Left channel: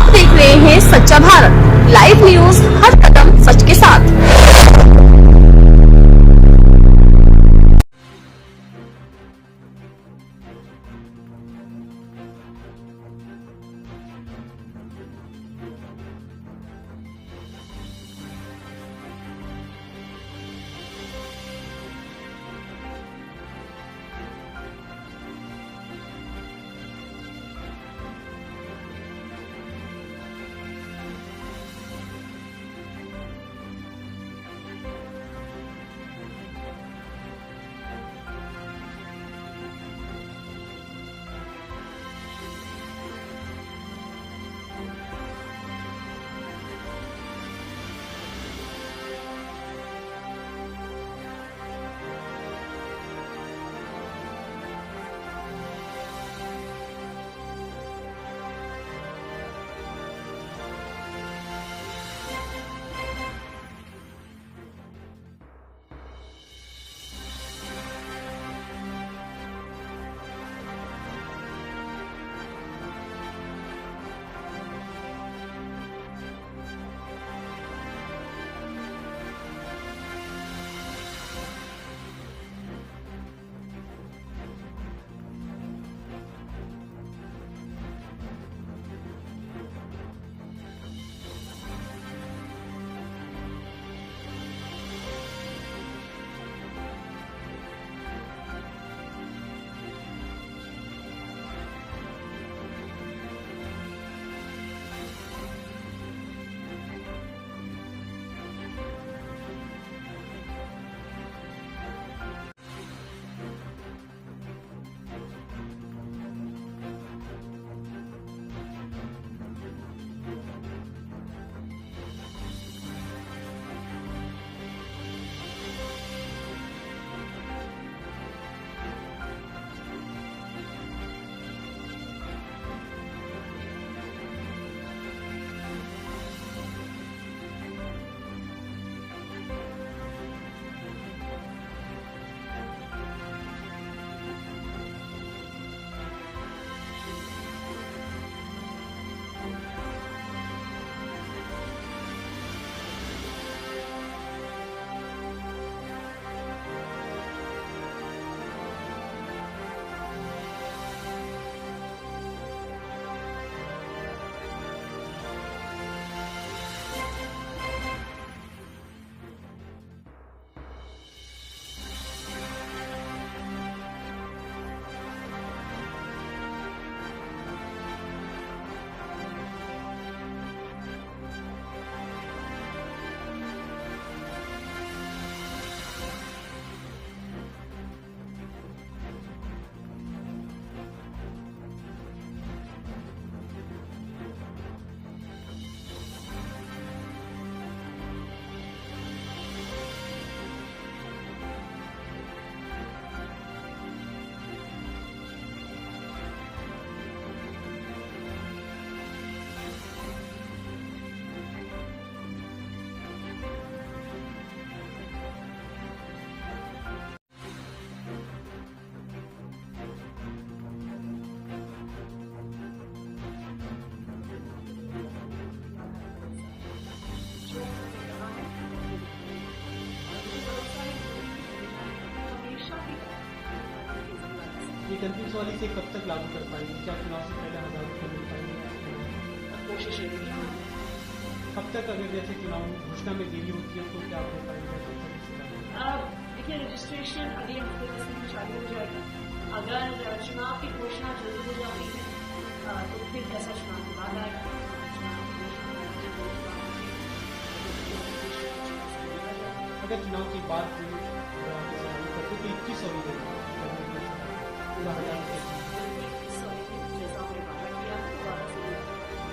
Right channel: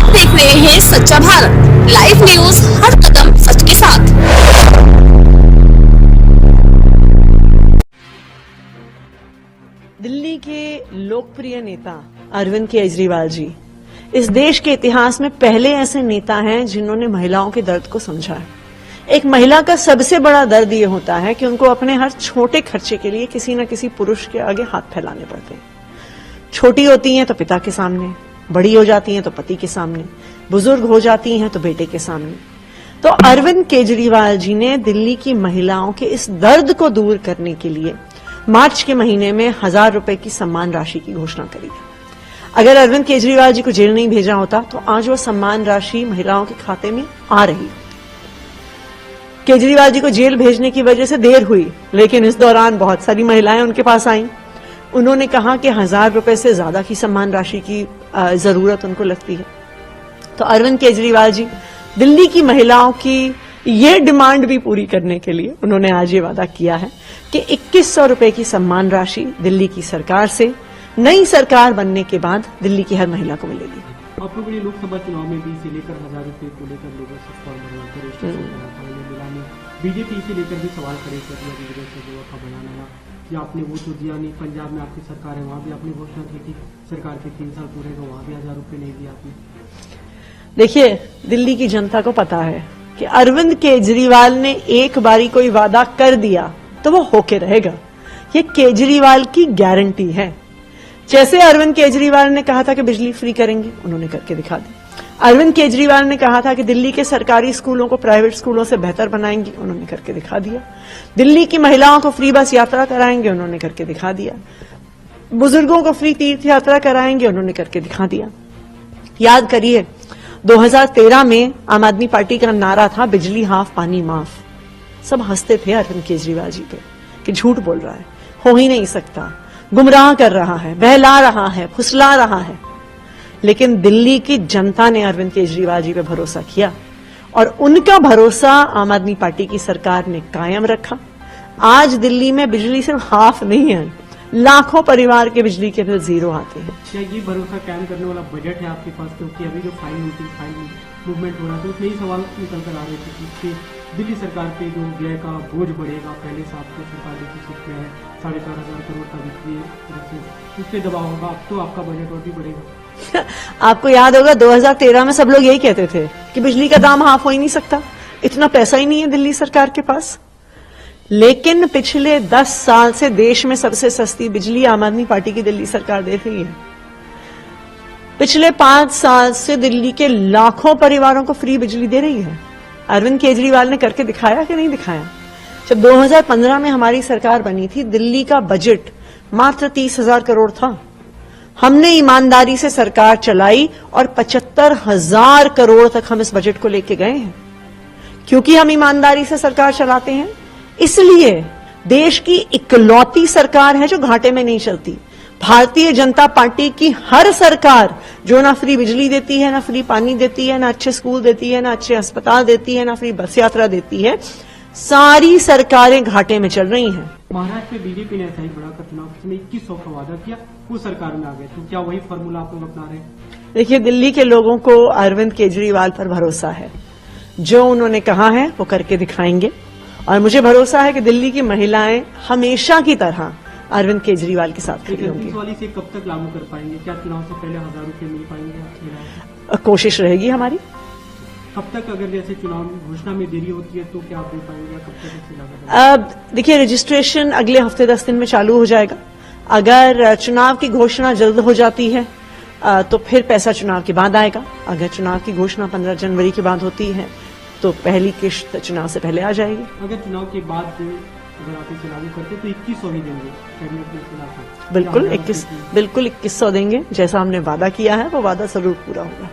आप देख रहे हैं सच्चा भारत लाइव न्यूज, हर कदम सच के साथ। दिल्ली के लोकप्रिय नेता अरविंद केजरीवाल जी इस देश के इतिहास में पहले ऐसे नेता हैं जिन्होंने महिलाओं के दर्द को समझा है। एक महिला का सबसे बड़ा दर्द ये होता है कि उनको अपने हर छोटे खर्चे के लिए किसी न किसी पुरुष के आगे हाथ फैलाने पड़ते हैं। छोटी होती हैं तो पिता के सामने, बड़ी हो जाती हैं तो पति के सामने, बुजुर्ग हो जाती हैं तो बेटे के सामने। तो अरविंद केजरीवाल जी ने दिल्ली की महिलाओं के इस दर्द को दूर करने के लिए मार्च के महीने में 1000 रुपए की सम्मान राशि की घोषणा करी है। अगर अरविंद केजरीवाल जी को जेल नहीं भेजा होता तो आज वो सम्मान राशि महिलाओं के खाते में आ रही। केजरीवाल जी को जेल भेजने की वजह से देर हुई, लेकिन इस दौरान बहुत सारी महिलाएं उनके पास आईं। उन्होंने कहा कि 1000 रुपए से ज्यादा की सम्मान राशि की जरूरत उनको लगती है। तो अरविंद केजरीवाल जी दिल्ली की महिलाओं की ये डिमांड भी पूरी करने के लिए उन्होंने आज ये वादा किया है कि 2100 रुपए की सम्मान राशि दिल्ली की सरकार से नई सरकार बनने के बाद दिल्ली की हर महिला को मिलेगी। आप लोगों ने लोकसभा चुनाव में भी इसे लेकर 1000 रुपए को लेकर लोगों से बीजेपी इसे लेकर भी सवाल खड़े करने की वजह से बनाना कि आपने वोट तो दिया नहीं। पंजाब में आपकी सरकार है, वहां भी आपने घोषणा की थी सरकार के 3 साल पूरे, तो वहां भी 1000 रुपए नहीं दिया आपने। देखिए, दिल्ली की जनता को पता है कि अरविंद केजरीवाल ने एक बारी कोई वादा कर दिया तो वो होके रहेगा। ये केजरीवाल की गारंटी है। जैसे अरविंद केजरीवाल ने कहा था कि बिजली फ्री करेंगे, उन्होंने करके दिखा दी। अरविंद केजरीवाल ने कहा था कि दिल्ली के सरकारी स्कूलों को प्राइवेट स्कूलों से बेहतर बनाएंगे, उन्होंने करके दिखा दिया। दिल्ली की महिलाओं को फ्री बस यात्रा कराएंगे, उन्होंने करके दिखा दिया। बुजुर्गों को फ्री तीर्थ यात्रा कराएंगे, उन्होंने करके दिखा दिया। याद करिए, 2013 में आम आदमी पार्टी का नारा था बिजली हाफ पानी माफ। सब हंसते थे अरविंद केजरीवाल जी पे कि झूठ बोल रहा है, हो ही नहीं सकता, गुमराह कर रहा है, बहला रहा है, फुसला रहा है। लेकिन दिल्ली की जनता ने अरविंद केजरीवाल जी पे भरोसा किया और उनका भरोसा आम आदमी पार्टी की सरकार ने कायम रखा। आज दिल्ली में बिजली सिर्फ हाफ नहीं है, लाखों परिवार के बिजली के बिल जीरो आते हैं। ये भरोसा कायम करने वाला बजट है आपके पास, क्योंकि अभी जो फाइन मूवमेंट हो रहा है उसमें ही सवाल निकल कर आ रहे थे कि दिल्ली सरकार पे जो व्यय का बोझ बढ़ेगा। पहले साल से सरकार 4,500 करोड़ का बिजली उससे दबाव होगा, तो आपका बजट और भी बढ़ेगा। आपको याद होगा 2013 में सब लोग यही कहते थे कि बिजली का दाम हाफ हो ही नहीं सकता, इतना पैसा ही नहीं है दिल्ली सरकार के पास। लेकिन पिछले 10 साल से देश में सबसे सस्ती बिजली आम आदमी पार्टी की दिल्ली सरकार दे रही है। पिछले 5 साल से दिल्ली के लाखों परिवारों को फ्री बिजली दे रही है। अरविंद केजरीवाल ने करके दिखाया कि नहीं दिखाया? जब 2015 में हमारी सरकार बनी थी, दिल्ली का बजट मात्र 30,000 करोड़ था। हमने ईमानदारी से सरकार चलाई और 75,000 करोड़ तक हम इस बजट को लेके गए हैं। क्योंकि हम ईमानदारी से सरकार चलाते हैं, इसलिए देश की इकलौती सरकार है जो घाटे में नहीं चलती। भारतीय जनता पार्टी की हर सरकार जो ना फ्री बिजली देती है, ना फ्री पानी देती है, ना अच्छे स्कूल देती है, ना अच्छे अस्पताल देती है, ना फ्री बस यात्रा देती है, सारी सरकारें घाटे में चल रही हैं। महाराष्ट्र में बीजेपी ने ऐसा ही बड़ा चुनाव में 2100 का वादा किया, वो सरकार में आ गए, तो क्या वही फॉर्मूला आप लोग अपना रहे हैं? देखिए, दिल्ली के लोगों को अरविंद केजरीवाल पर भरोसा है। जो उन्होंने कहा है वो करके दिखाएंगे और मुझे भरोसा है कि दिल्ली की महिलाएं हमेशा की तरह अरविंद केजरीवाल के साथ खड़ी होंगी। वाली से कब तक लागू कर पाएंगे? क्या चुनाव से पहले 1000 रुपए मिल पाएंगे? कोशिश रहेगी हमारी। कब तक, अगर जैसे चुनाव घोषणा में देरी होती है तो क्या आप दे पाएंगे? कब तक? देखिए, रजिस्ट्रेशन अगले हफ्ते 10 दिन में चालू हो जाएगा। अगर चुनाव की घोषणा जल्द हो जाती है तो फिर पैसा चुनाव के बाद आएगा। अगर चुनाव की घोषणा 15 जनवरी के बाद होती है तो पहली किश्त चुनाव से पहले आ जाएगी। अगर चुनाव के बाद अगर आप इसे लागू करते तो 2100 नहीं देंगे? बिल्कुल 2100 देंगे। जैसा हमने वादा किया है वो वादा जरूर पूरा होगा।